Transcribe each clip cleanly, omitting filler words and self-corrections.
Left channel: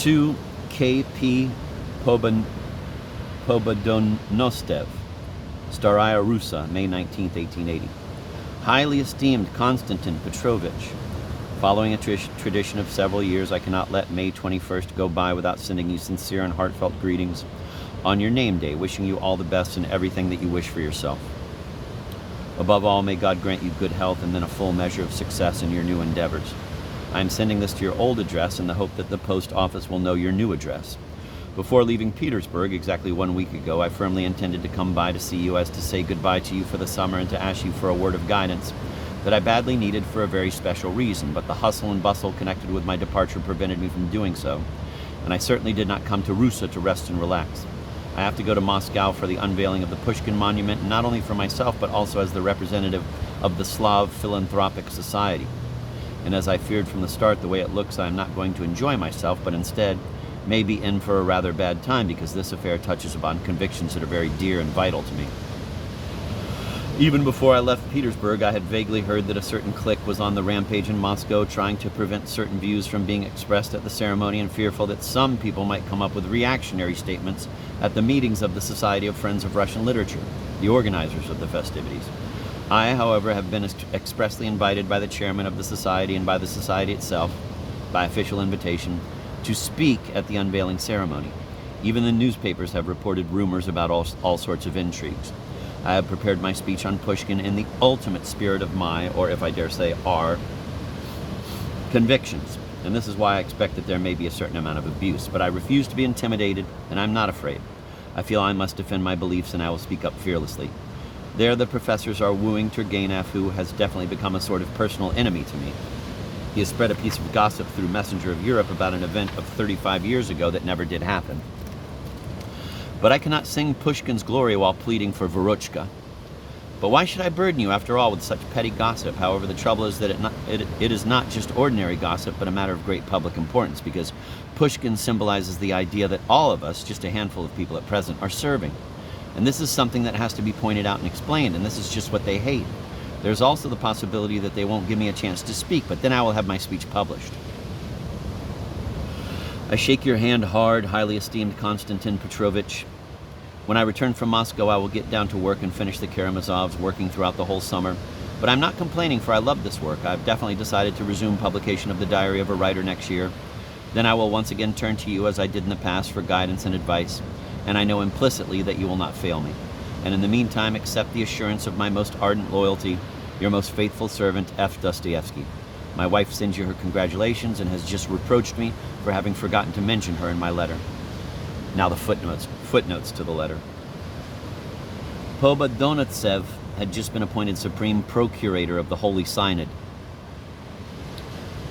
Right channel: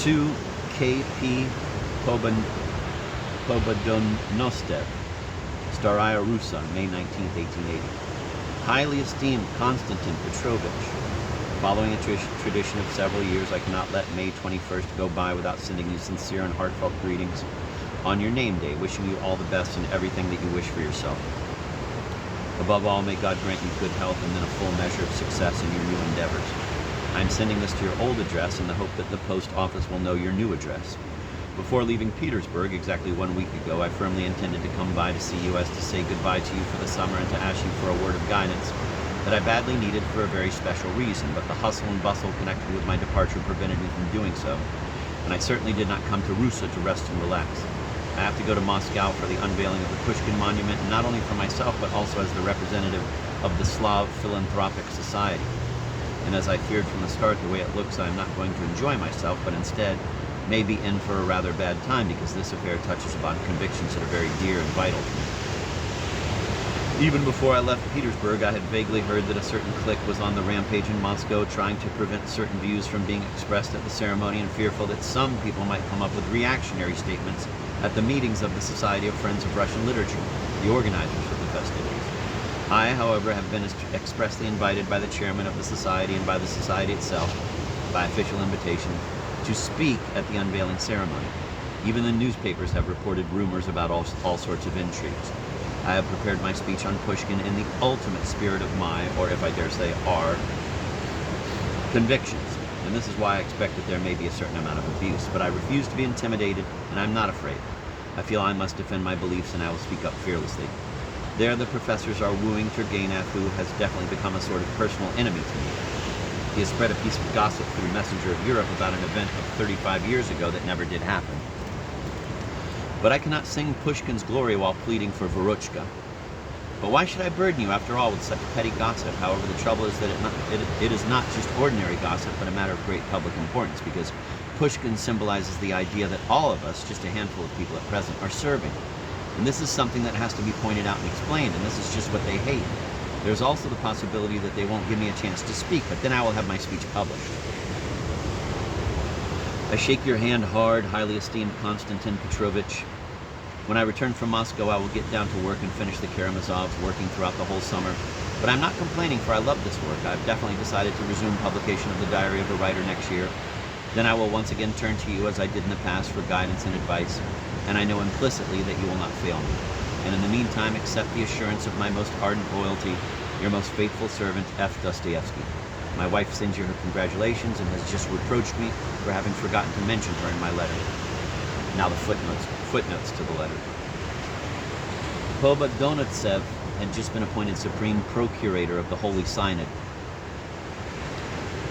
To K.P. Pobedonostsev, Staraya, Russa, May 19, 1880. Highly esteemed Konstantin Petrovich, following a tradition of several years, I cannot let May 21st go by without sending you sincere and heartfelt greetings on your name day, wishing you all the best in everything that you wish for yourself. Above all, may God grant you good health and then a full measure of success in your new endeavors. I am sending this to your old address in the hope that the post office will know your new address. Before leaving Petersburg exactly 1 week ago, I firmly intended to come by to see you as to say goodbye to you for the summer and to ask you for a word of guidance that I badly needed for a very special reason, but the hustle and bustle connected with my departure prevented me from doing so, and I certainly did not come to Russa to rest and relax. I have to go to Moscow for the unveiling of the Pushkin Monument, not only for myself, but also as the representative of the Slav Philanthropic Society. And as I feared from the start, the way it looks, I am not going to enjoy myself, but instead may be in for a rather bad time, because this affair touches upon convictions that are very dear and vital to me. Even before I left Petersburg, I had vaguely heard that a certain clique was on the rampage in Moscow, trying to prevent certain views from being expressed at the ceremony, and fearful that some people might come up with reactionary statements at the meetings of the Society of Friends of Russian Literature, the organizers of the festivities. I, however, have been expressly invited by the chairman of the society and by the society itself, by official invitation, to speak at the unveiling ceremony. Even the newspapers have reported rumors about all sorts of intrigues. I have prepared my speech on Pushkin in the ultimate spirit of my, or if I dare say our, convictions. And this is why I expect that there may be a certain amount of abuse. But I refuse to be intimidated, and I'm not afraid. I feel I must defend my beliefs, and I will speak up fearlessly. There the professors are wooing Turgenev, who has definitely become a sort of personal enemy to me. He has spread a piece of gossip through Messenger of Europe about an event of 35 years ago that never did happen. But I cannot sing Pushkin's glory while pleading for Veruchka. But why should I burden you, after all, with such petty gossip? However, the trouble is that it is not just ordinary gossip, but a matter of great public importance, because Pushkin symbolizes the idea that all of us, just a handful of people at present, are serving. And this is something that has to be pointed out and explained, and this is just what they hate. There's also the possibility that they won't give me a chance to speak, but then I will have my speech published. I shake your hand hard, highly esteemed Konstantin Petrovich. When I return from Moscow, I will get down to work and finish the Karamazovs, working throughout the whole summer. But I'm not complaining, for I love this work. I've definitely decided to resume publication of the Diary of a Writer next year. Then I will once again turn to you, as I did in the past, for guidance and advice, and I know implicitly that you will not fail me. And in the meantime, accept the assurance of my most ardent loyalty, your most faithful servant, F. Dostoyevsky. My wife sends you her congratulations and has just reproached me for having forgotten to mention her in my letter. Now the footnotes to the letter. Pobedonostsev had just been appointed Supreme Procurator of the Holy Synod.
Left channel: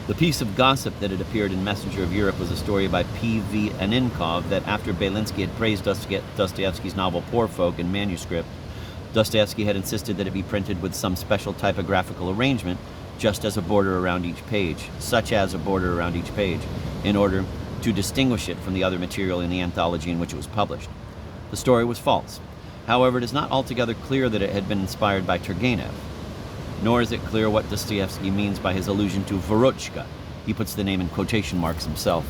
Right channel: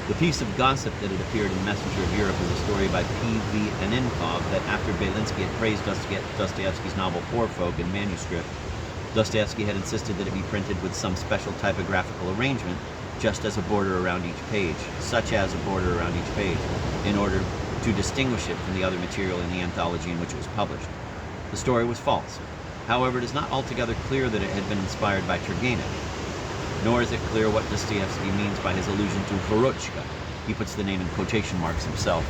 The piece of gossip that had appeared in Messenger of Europe was a story by P.V. Anenkov that after Belinsky had praised Dostoyevsky's novel Poor Folk in manuscript, Dostoyevsky had insisted that it be printed with some special typographical arrangement, just as a border around each page, such as a border around each page, in order to distinguish it from the other material in the anthology in which it was published. The story was false. However, it is not altogether clear that it had been inspired by Turgenev, nor is it clear what Dostoyevsky means by his allusion to Veruchka. He puts the name in quotation marks himself.